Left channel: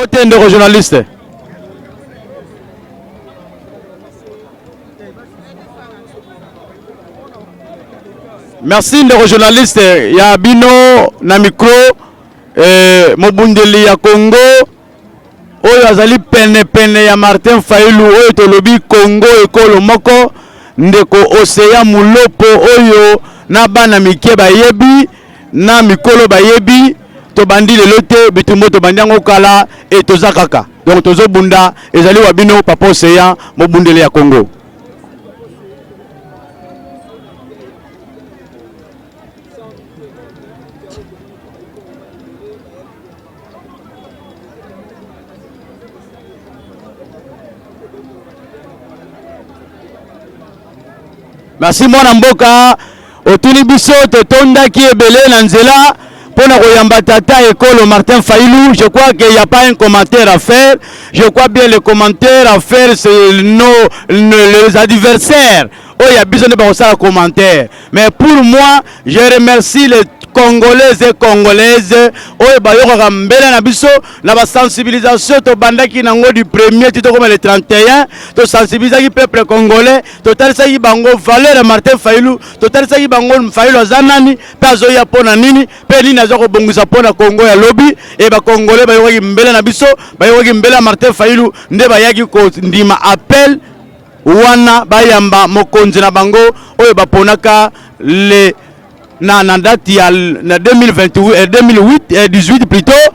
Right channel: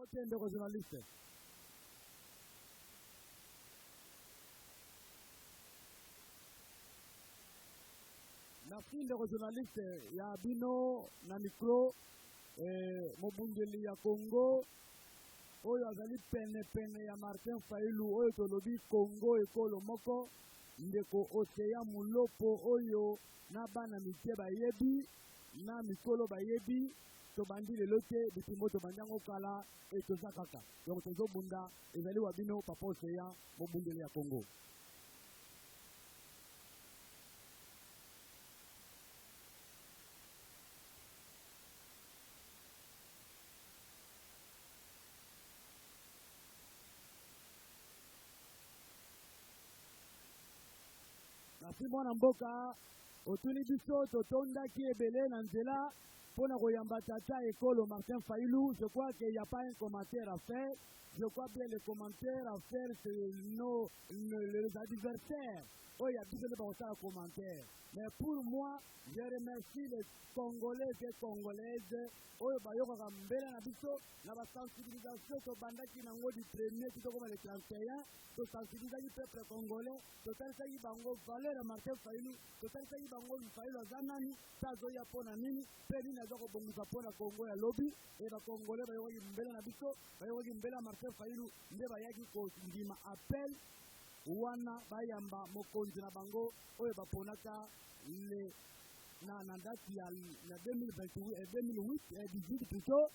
Mbote ndeko journaliste. Merci ndeko journaliste ya bino na micro mobundeli ya Congo oyo azali pene ya Martin Fayulu oyo tolobi Congo ekolo moko ndeko Oseya Mulopo oyo na bana mike bayebi na mikolo bayebi to bandi lelo te bitumbo to bandiango kala et toza kaka donc tozo bunda ezali wabino papa Oseya mobundeli ya Congo. Merci mwana mboka otuni biso totonda ki ebele na nzela pona koyamba tata ekolo Martin Fayulu. Je crois qu'il n'y a pas un commentaire à faire. Je crois bien le commentaire à faire c'est les adversaires. Oh, il y a besoin de faire un commentaire. Mais pour moi, je remercie les Congolaises et Congolaises. Oh, bayoko mbele na biso na ba sensibilisation to bandaki nango du premier tito comme le 31 to sensibiliser le peuple congolais to talisa ki bango valeur Martin Fayulu to talisa ki bango Fayulu azanani pazo ya pona nini pe nini azoko bongisa pona Congo ya lobby e ba Congolais bayoko mbele na biso bayoko mbele Martin Fayulu nde bayaki ko ndima appel wana bayamba mokonzi na bango oyo baponaka le na date ya na 2018 plutôt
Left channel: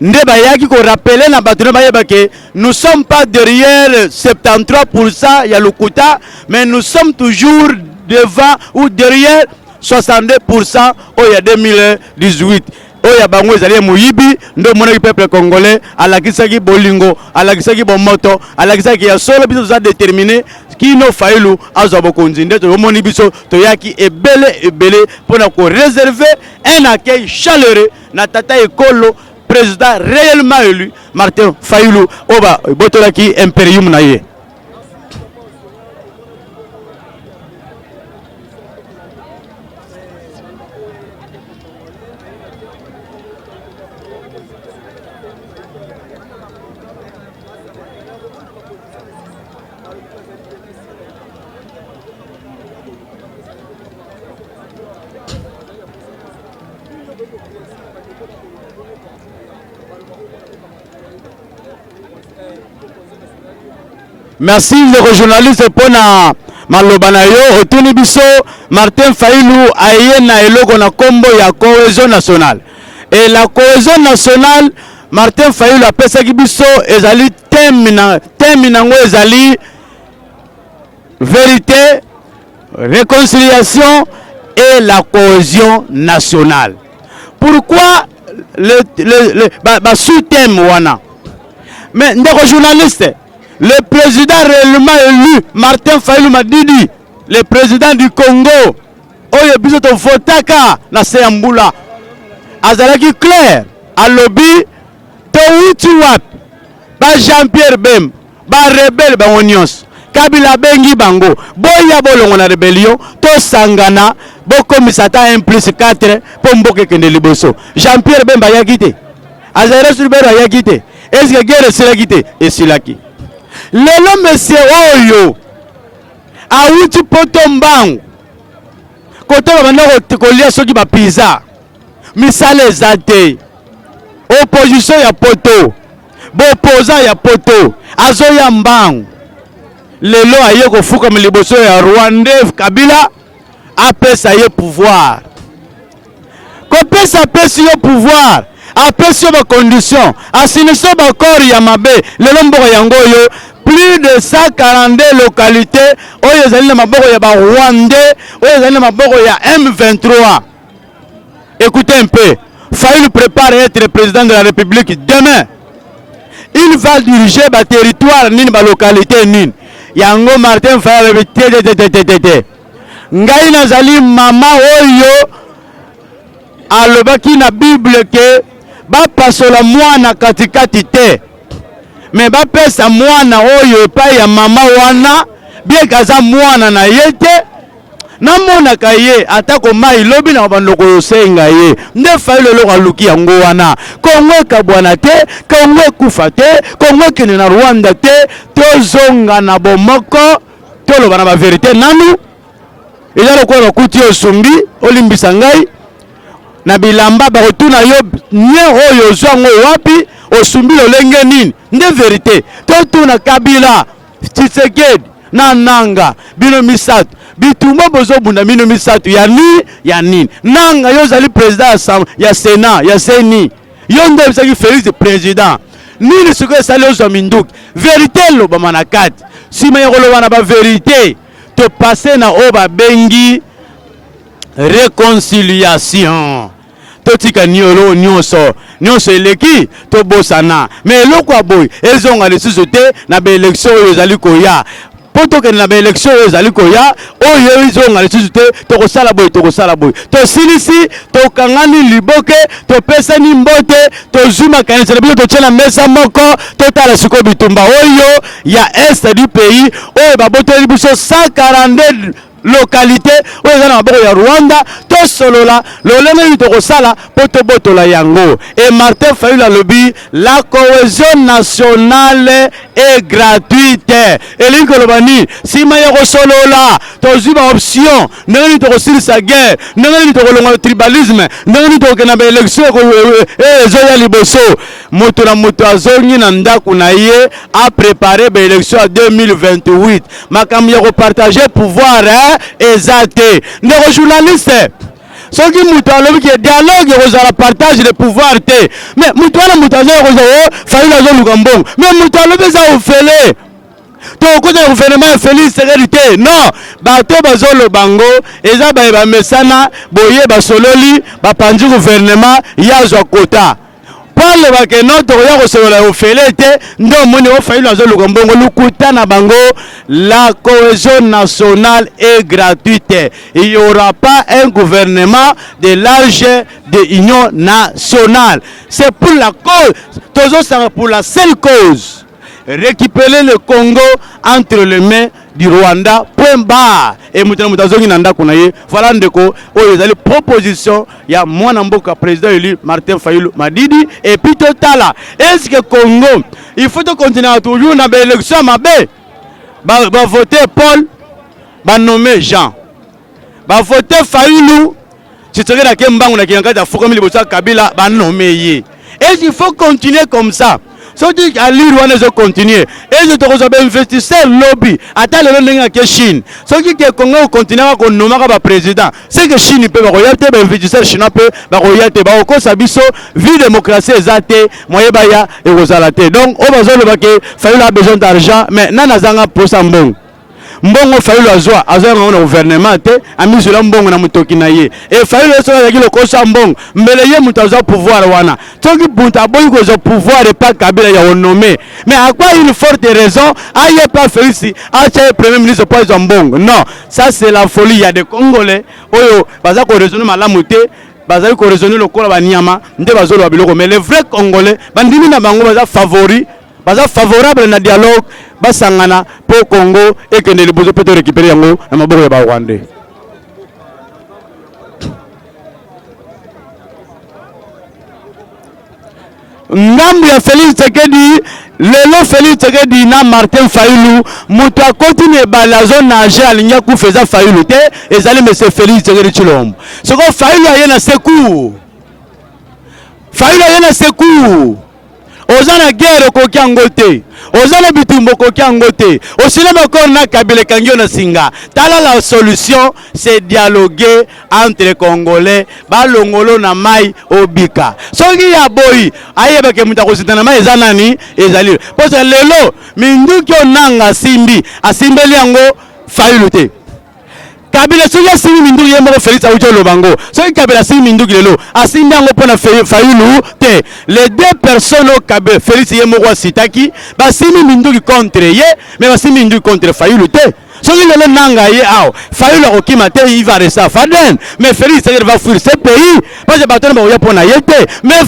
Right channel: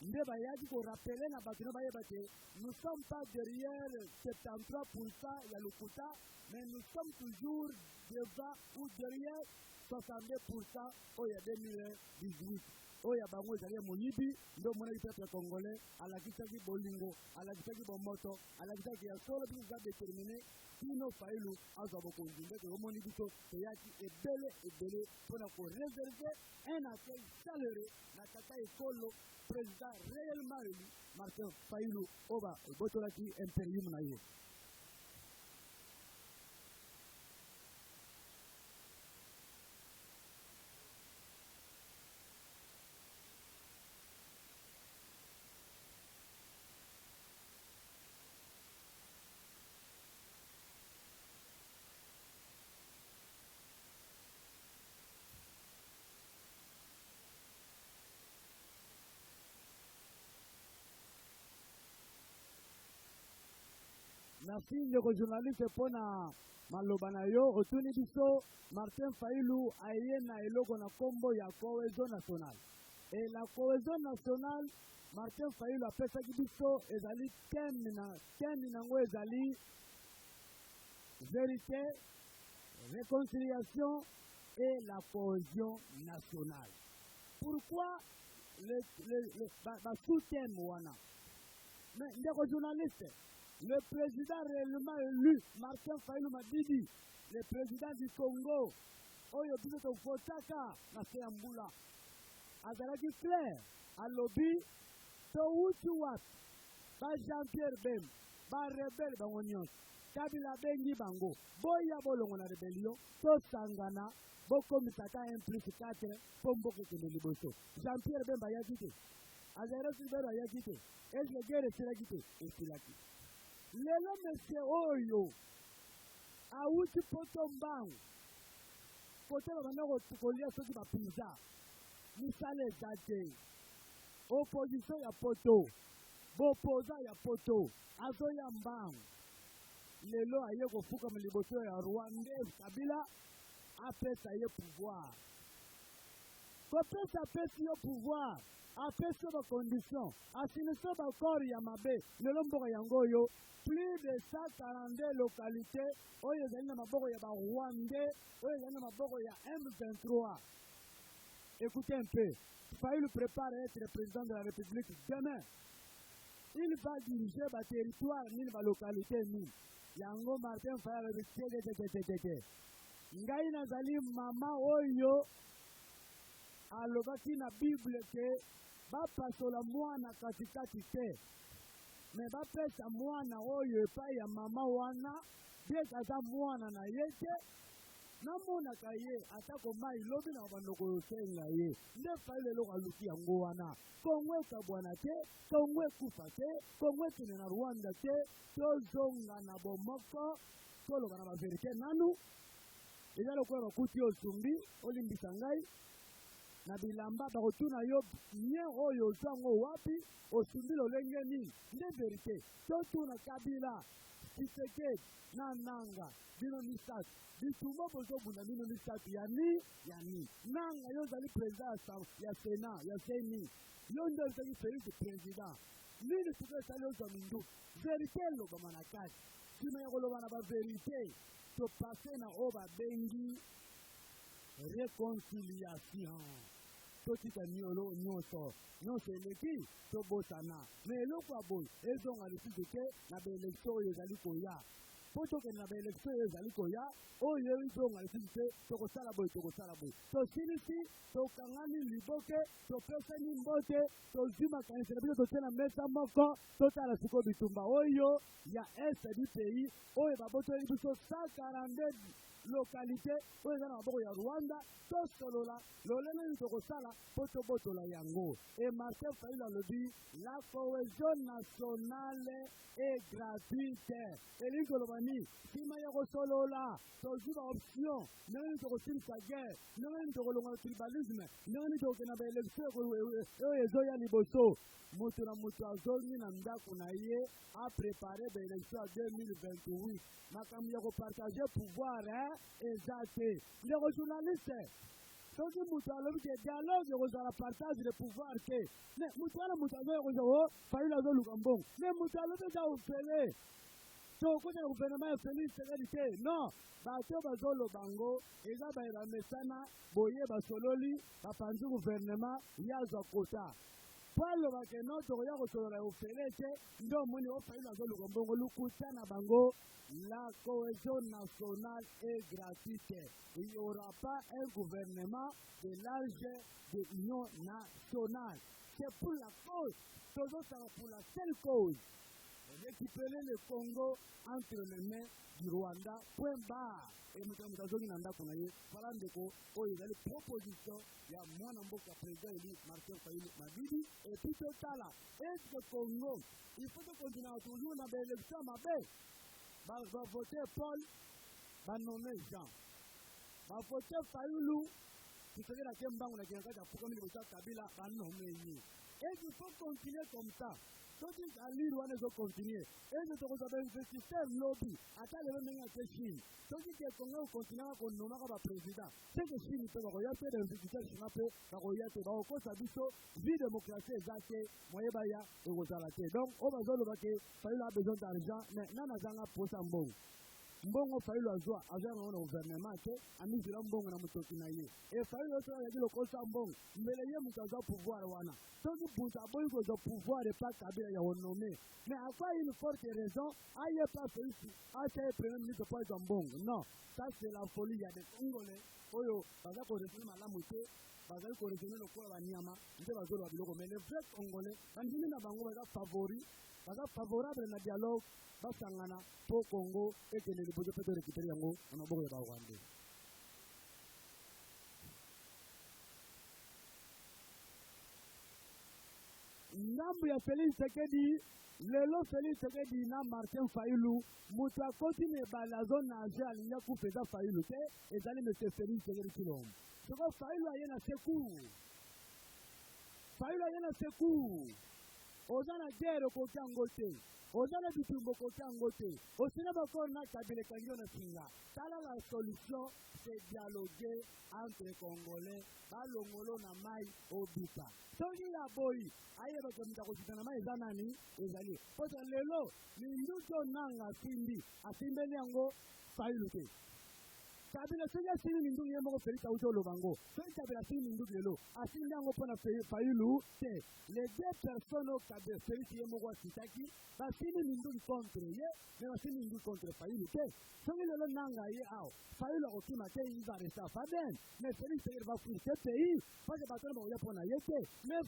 nde bayaki ko rappeler na bato bayeba ke nous sommes pas derrière 73% ya Lokuta mais nous sommes toujours devant ou derrière 62% au ya 2018 oya bango ezali moyibi ndo mona peuple congolais alakisaki bolingo alakisaki bomoto alakisaki ya solo biso za déterminer kino Fayulu azwa bokonzi nde to moni biso to yaki ebele pona ko réserver un accueil chaleureux na tata ekolo président réellement élu Martin Fayulu oba botolaki imperium na ye. Merci les journalistes pour na malobana yo otuni biso Martin Fayulu ayena eloko na kombo ya cohésion nationale et la cohésion nationale Martin Fayulu apesaki biso ezali thème nango ezali vérité, réconciliation et la cohésion nationale. Pourquoi le sous-thème wana? Mais ndeko journaliste le président réellement élu, Martin Fayulu Madidi, le président du Congo, oyo biso to votaka na Seyambula, azalaki clair, à lobby, to uti wap, ba Jean-Pierre Bem, ba rebelle ba onions, Kabila bengi bango, boya bolongo na rébellion, to sangana, bo komisata 1+4, po mboke kende liboso. Jean-Pierre Bem ba yakite, azalaki subero yakite, est-ce que guerre silakite? Et silaki. Lelo monsieur oyo auti poto mbangu koto bana kolia soki ba pizza misale ezate opposition ya poto bo opposant ya poto azoya mbangu lelo aye kofuka miliboso ya Rwanda Kabila apesa ye pouvoir kopesa pesi yo pouvoir apesi yo ba condition asiniso ba corps ya mabe lelo mboko yango yo plus de 142 localités oyo ezali na maboko ya ba Rwandais oyo ezali na maboko ya M23. Écoutez un peu, Fayulu prépare à être président de la République demain. Il va diriger ba territoire nini ba localité nini. Yango Martin Fayulu tete. Ngai nazali mama oyo alobaki na Bible ke ba pasola mwana katikati te. Mais ba pesa mwana oyo epai ya mama wana bien kaza mwana na yete namona kaye atako mai lobi na bandoko yosenga ye nde Fayulu lo aluki yango wana Kongo kabwana te Kongo kufa te Kongo kene na Rwanda te tozonga na bomoko toloba na ba verite nanu eza lokola kuti osumbi olimbisa ngai na bilamba ba rotuna yo nye oyo zwango wapi osumbi lolenge nini nde verite totuna Kabila Tshisekedi na nanga bino misatu bitumba bozo bunda bino misatu ya nini nanga yo zali president ya Sénat ya Seni yo nde bisaki Félix président nini siko sali ozo minduki verite lo ba manakati sima ya koloba na ba verite to passer na oba bengi réconciliation totika niolo nyonso eleki to bosana mais eloko aboy ezonga lisusu te na ba élection oyo ezali koya poto ke na ba élection oyo ezali koya oyo ezonga lisusu te tokosala boy to silisi to kangani liboke to pesani mbote to zuma kanisa na biso to tshela mesa moko to tala siko bitumba oyo ya est du pays oyo baboteli biso 142 localité oyo eza na maboko ya Rwanda to solola lolenge tokosala poto botola yango et Martin Fayulu alobi la cohésion nationale est gratuite elingi koloba nini sima ya kosolola tozwi ba option ndenge nini tokosilisa guerre ndenge nini tokolonga tribalisme ndenge nini tokokenda ba élection ezoya liboso moto na moto azongi na ndako na ye a préparé ba élection ya 2028 makambo ya kopartage pouvoir ezate ndeko journaliste soki mutu alobi ke dialogue ekozala partage de pouvoir te mais mutu wana mutu aza ekozala Fayulu azoluka mbongo mais mutu alobi eza ofele tokota na gouvernement ya Félix Tshisekedi te non bato bazoloba ngo eza bayeba mesana boye basololi bapanzi gouvernement yazwa kota Paul bakeno tokoya kosolola ofele te ndo moni o Fayulu azoluka mbongo lukuta na bango la cohésion nationale est gratuite. Il n'y aura pas un gouvernement de large de union nationale. C'est pour la cause, toujours pour la seule cause, récupérer le Congo entre les mains du Rwanda, point barre. Et voilà ndeko les propositions il y a mwana mboka président élu Martin Fayulu Madidi et puis totala est-ce que Congo il faut continuer toujours na élection mabe ba voter Paul ba nommer Jean ba voter Fayulu Tshisekedi na kembangu na kiangata fokomi libosa Kabila ba nommer ye et il faut continuer comme ça. So dit à l'Iran ils ont continué. Et ils ont investisseur lobby. Attends le lendemain que Chine. So dit que Congo continue à nommer comme président. C'est que Chine peut regarder investisseur chinois peut regarder ba oko sabiso vie démocratie ezate moye baya et rozalate. Donc on va dire que Fayulu a besoin d'argent mais nana zanga pour sambong. Mbongo Fayulu azwa na gouvernement te amizula mbongo na mutoki na ye et Fayulu soka kilo kosa mbongo mbele ye mutu azwa pouvoir wana toki bunta boyi ko zo pouvoir et pas Kabila ya nommé mais à quoi une forte raison aye pas Félix acha premier ministre pas zo mbongo non ça c'est la folie il y a des Congolais oyo baza ko raisonner malamu te bazali ko raisonner lokola banyama nde bazolo ba biloko mais les vrais Congolais bandimi na bango baza favori baza favorable na dialogue basangana po Congo et que les besoins peut récupérer yango na maboko ya ba Rwandais. Ngambu ya Félix Tshisekedi lelo Félix Tshisekedi na Martin Fayulu mutu akotine balazo na je alinya ku feza Fayulu te ezali monsieur Félix Tshisekedi Tshilombo soko Fayulu ayena secours Fayulu ayena secours ozana guerre ko kyangote ozana bitumbo ko kyangote osina bakor na Kabila kangyo na singa tala la solution c'est dialoguer entre les Congolais balongolo na mai obika soki ya boyi ayeba ke muta ko sitana mai ezanani ezali parce que lelo minduki onanga simbi asimbeli yango Fayulu te Kabila soki asimi minduki ye moko Félix aujo lobango soki Kabila asimi minduki lelo asimi yango pona Fayulu te les deux personnes au Kabila Félix ye moko sitaki basimi minduki contre ye mais basimi minduki contre Fayulu te soki lelo nanga ye aw Fayulu okima te il va rester Faden mais Félix va fuir ce pays parce que bato na ba pona ye te mais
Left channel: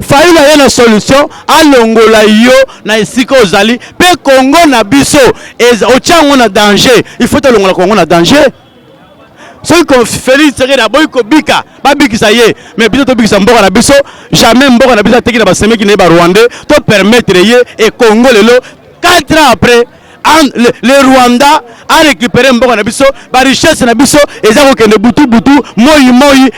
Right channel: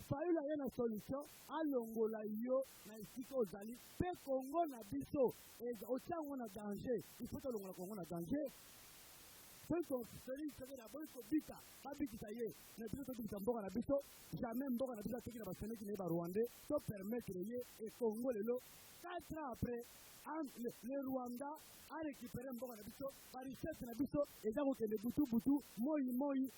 Fayulu a une solution alongola yo na esika ozali pe Congo na biso eza ochango na danger il faut te longola Congo na danger Ceux qui ont Félix Tshisekedi aboyi ko bika, ba bikisa ye, mais biso to bikisa mboka na biso, jamais mboka na biso teki na ba seme ki ne ba Rwandais, to permettre ye et Congo lelo 4 ans après le Rwanda a récupéré mboka na biso, ba richesse na biso eza ko kende butu moi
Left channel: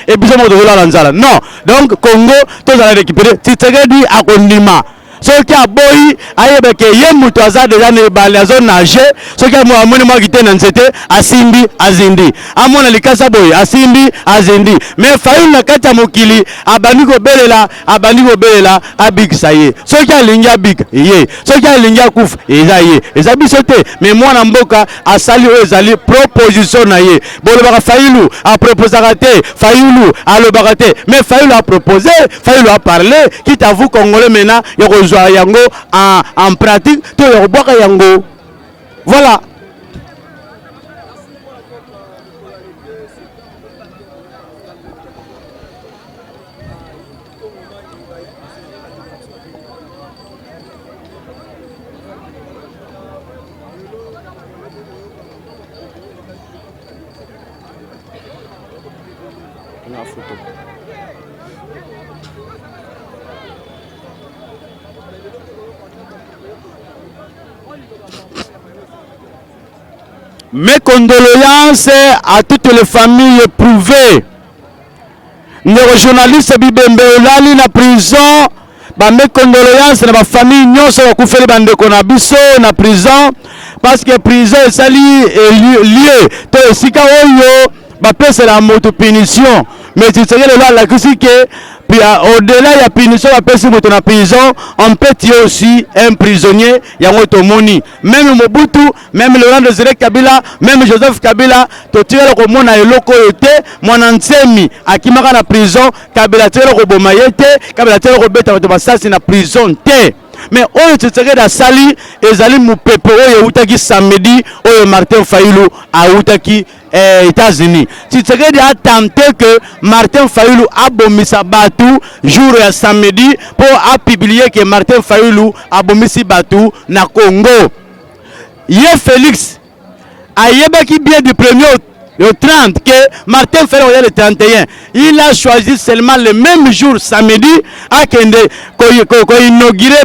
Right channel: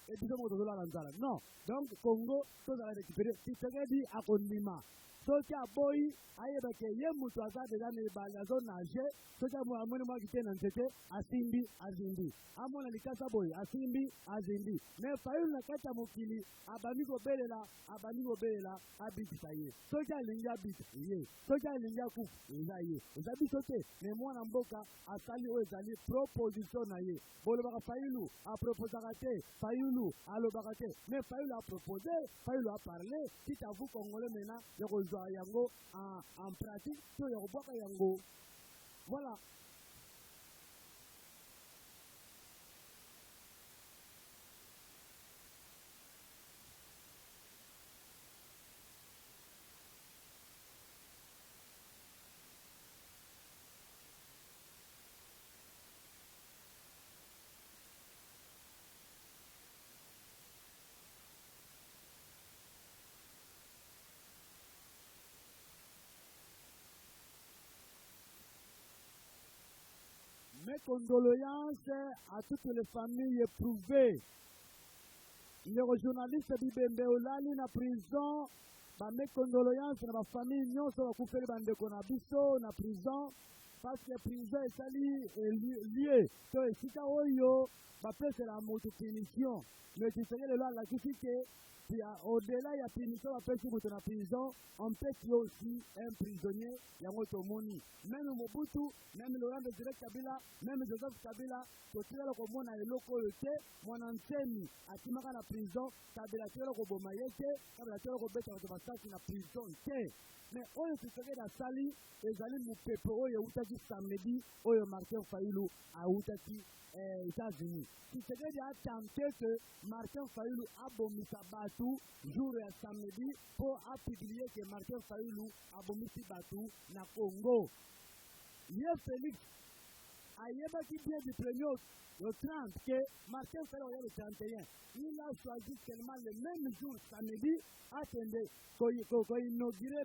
et biso mo to la nzala. Non, donc Congo to za récupérer Tshisekedi akondima. Ce qui a boyi ayebeke ye mutu aza deja ne balazo nage, ce qui a mo amoni mo kite na nzete asimbi azindi. Amona likasa boyi asimbi azindi. Mais fayu na kata mokili abandi ko belela abikisa ye. Ce qui a linga bik ye. Ce qui a linga kuf eza ye. Eza bisote mais mwana mboka asali o ezali proposition na ye. Bolo baka Fayulu a proposé raté, Fayulu a le baraté. Mais Fayulu a proposé, Fayulu a parlé, quitte à vous Congolais maintenant yango en pratique to yoboka yango. Voilà. Mes condoléances à toutes les familles éprouvées. Les journalistes Bibembe Olali na prison, mes condoléances à ma famille nyonso bakufeli bandeko na biso na prison parce que prison esali lié to esika oyo bapesa la moto punition mais tu sais que la que au-delà il y a punition à personne moto na prison, on peut tuer aussi un prisonnier yango tomoni. Même Mobutu, même Laurent Désiré Kabila, même Joseph Kabila, to tuer le komona eloko yote, mwana nsemi akimaka na prison, Kabila tuer le koboma yete, Kabila tuer le kobeta bato basasi na prison te. Mais oyo Tshisekedi asali ezali mupepe oyo utaki samedi oyo Martin Fayulu a utaki États-Unis. Tshisekedi a tenté que Martin Fayulu a bomisa batu jour ya samedi pour a publier que Martin Fayulu a bomisi batu na Congo. Ye Félix a yebaki bien du premier au 30 que Martin Fayulu le 31. Il a choisi seulement le même jour samedi à kende ko inauguré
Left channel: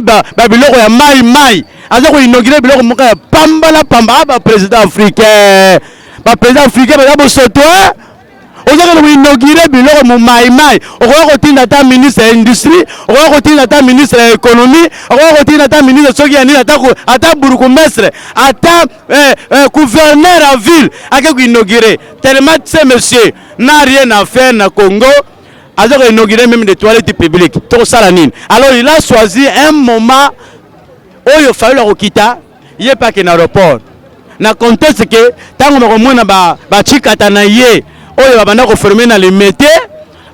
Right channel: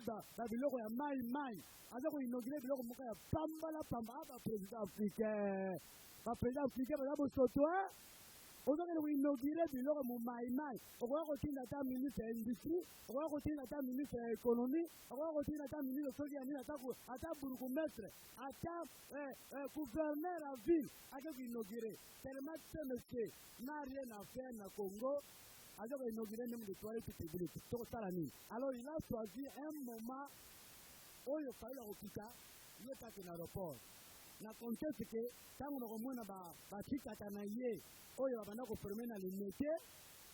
biloko ya mai. Aza ko inauguré biloko moka ya pamba ba président africain. Ba président africain ba bosoto ozaka ko inauguré biloko mo mai. Okoka kotinda ta ministre ya industrie, okoka kotinda ta ministre ya économie, okoka kotinda ta ministre soki ya nini ata bourgmestre, ata gouverneur à ville ake ko inauguré. Tellement ce monsieur n'a rien à faire na Congo. Alors il a inauguré même des toilettes publiques. Tout ça la nine. Alors il a choisi un moment où il fallait le quitter. Il n'y a pas qu'un aéroport. Na contexte que tant qu'on a ba chikata na ye, où il va bana confirmer na le métier,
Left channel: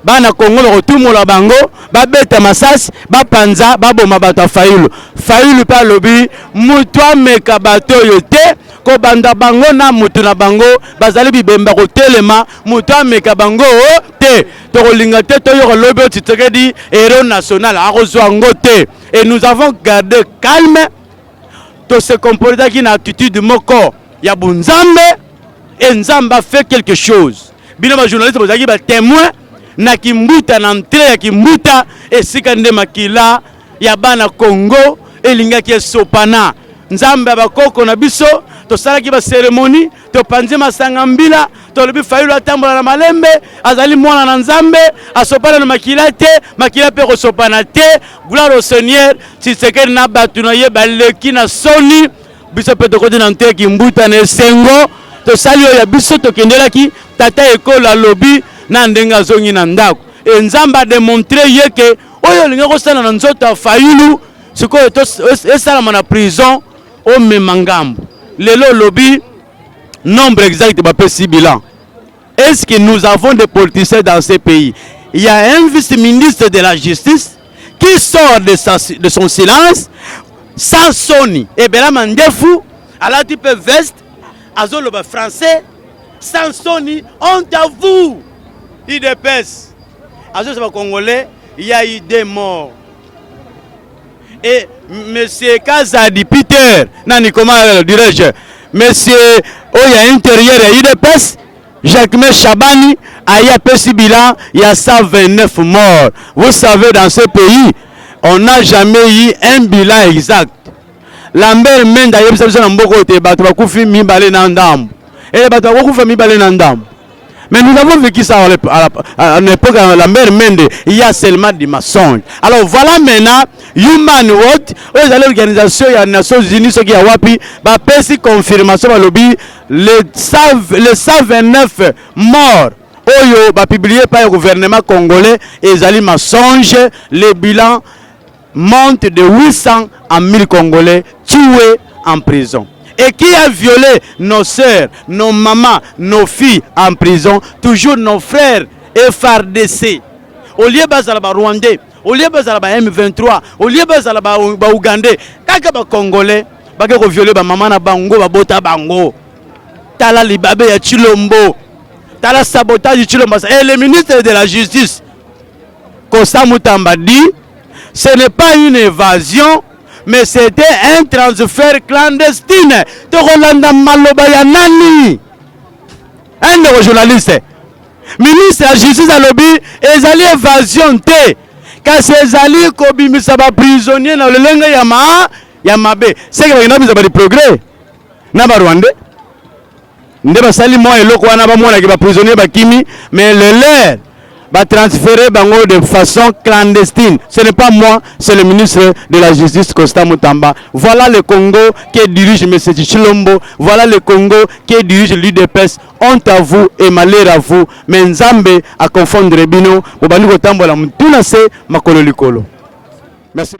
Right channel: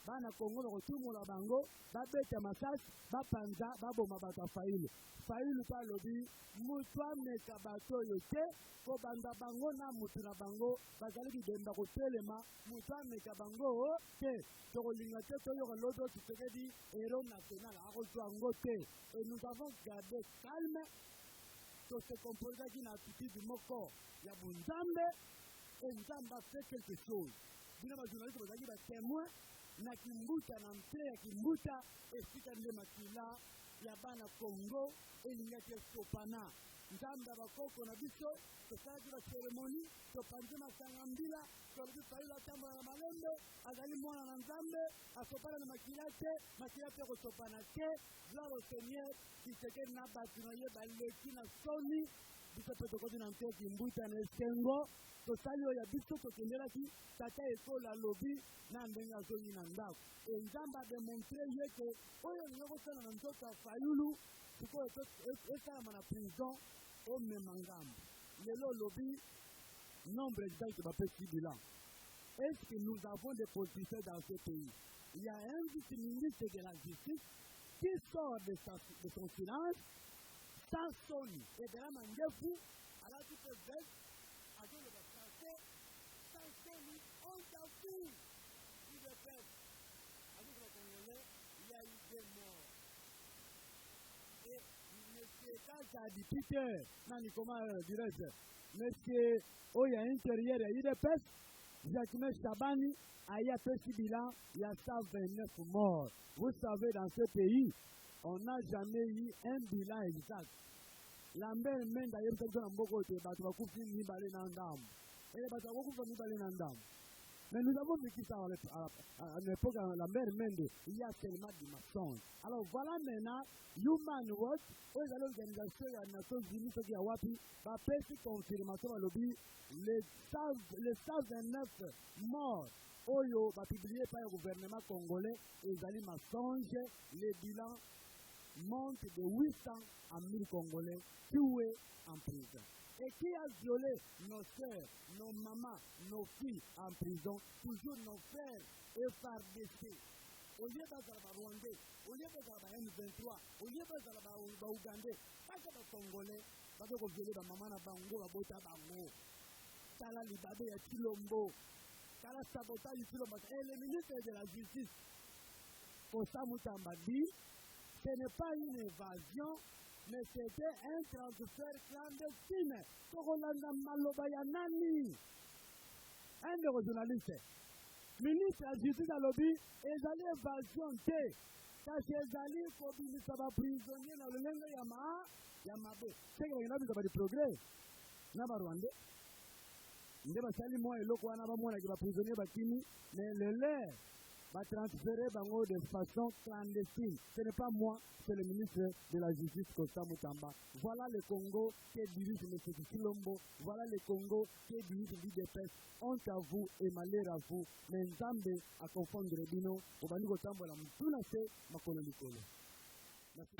ba na Congo le retour mo la bango, ba beta masas, ba panza, ba boma bata Fayulu. Fayulu pa lobby, mutwa meka bato yote. Ko banda bango na mutu na bango bazali bibemba ko telema mutu ameka bango te to kolinga te to yo lobe Tshisekedi héros national a reçoit ngote et nous avons gardé calme to se comporter qui na attitude moko ya bunzambe et nzamba fait quelque chose bino ba journaliste bozaki ba témoin na kimbuta na entrée ya kimbuta et sikande makila ya bana Congo elinga ki sopana nzamba bakoko na biso to salaki ba cérémonie to panzi masanga mbila to lobi Fayulu atambola na malembe azali mwana na nzambe asopana na makila te makila pe ko sopana te gloire au Seigneur Tshisekedi na batu na ye baleki na soni biso pe to koti na nte ki mbuta na sengo to sali ya biso to kendelaki tata ekola lobi na ndenga zongi na ndako e nzamba démontrer ye ke oyo linga ko sala na nzoto Fayulu sikoyo to esala na prison o memangambo. Lelo lobby, nombre exact de ce bilan. Est-ce que nous avons des politiciens dans ces pays? Il y a un vice-ministre de la justice qui sort de son silence sans soni. Et bien là, Mandefu, à la type veste, à le français, sans soni, honte à vous. Il dépêche. À ce Congolais, il y a eu des morts. Et monsieur Kazadi Peter, nani comment dirais-je, monsieur Oya intérieur et UDPS, Jacquemin Chabani a eu un bilan, il y a 129 morts. Vous savez, dans ce pays, on n'a jamais eu un bilan exact. Lambert Mende a eu un bilan. Mais nous avons vécu ça à l'époque de Lambert Mende, il y a seulement des mensonges. Alors voilà maintenant, Human Watch, l'organisation des Nations Unies, ce qui a wapi, va faire confirmation à lobby, les 129 morts. Oyo va publié par le gouvernement congolais et les mensonges, les bilans montent de 800 à 1000 Congolais tués en prison. Et qui a violé nos sœurs, nos mamans, nos filles en prison, toujours nos frères FARDC. Au lieu de Rwandais, au lieu de M23, au lieu de Ougandais, quand les Congolais ont violé les mamans na bango, les bota bango, tala libabe ya Chilombo, tala sabotage de Chilombo. Et le ministre de la Justice, Constant Mutamba dit, ce n'est pas une évasion, mais c'était un transfert clandestin. Rolanda Maloba ya nani? Un de vos journalistes. Ministre de la Justice a lobby, ils allaient évasion té. Car ces alliés kobimi saba prisonniers dans le lenga yamabe. C'est que nous avons des progrès. Naba Rwanda. Ndeba sali moi et loko wana ba mona ki ba prisonniers ba kimi, mais le leur va transférer bango de façon clandestine. Ce n'est pas moi, c'est le ministre de la Justice, Constant Mutamba. Voilà le Congo qui dirige M. Chilombo. Voilà le Congo qui dirige l'UDPS. Honte à vous et malheur à vous. Mais Nzambe à confondre Bino. Merci.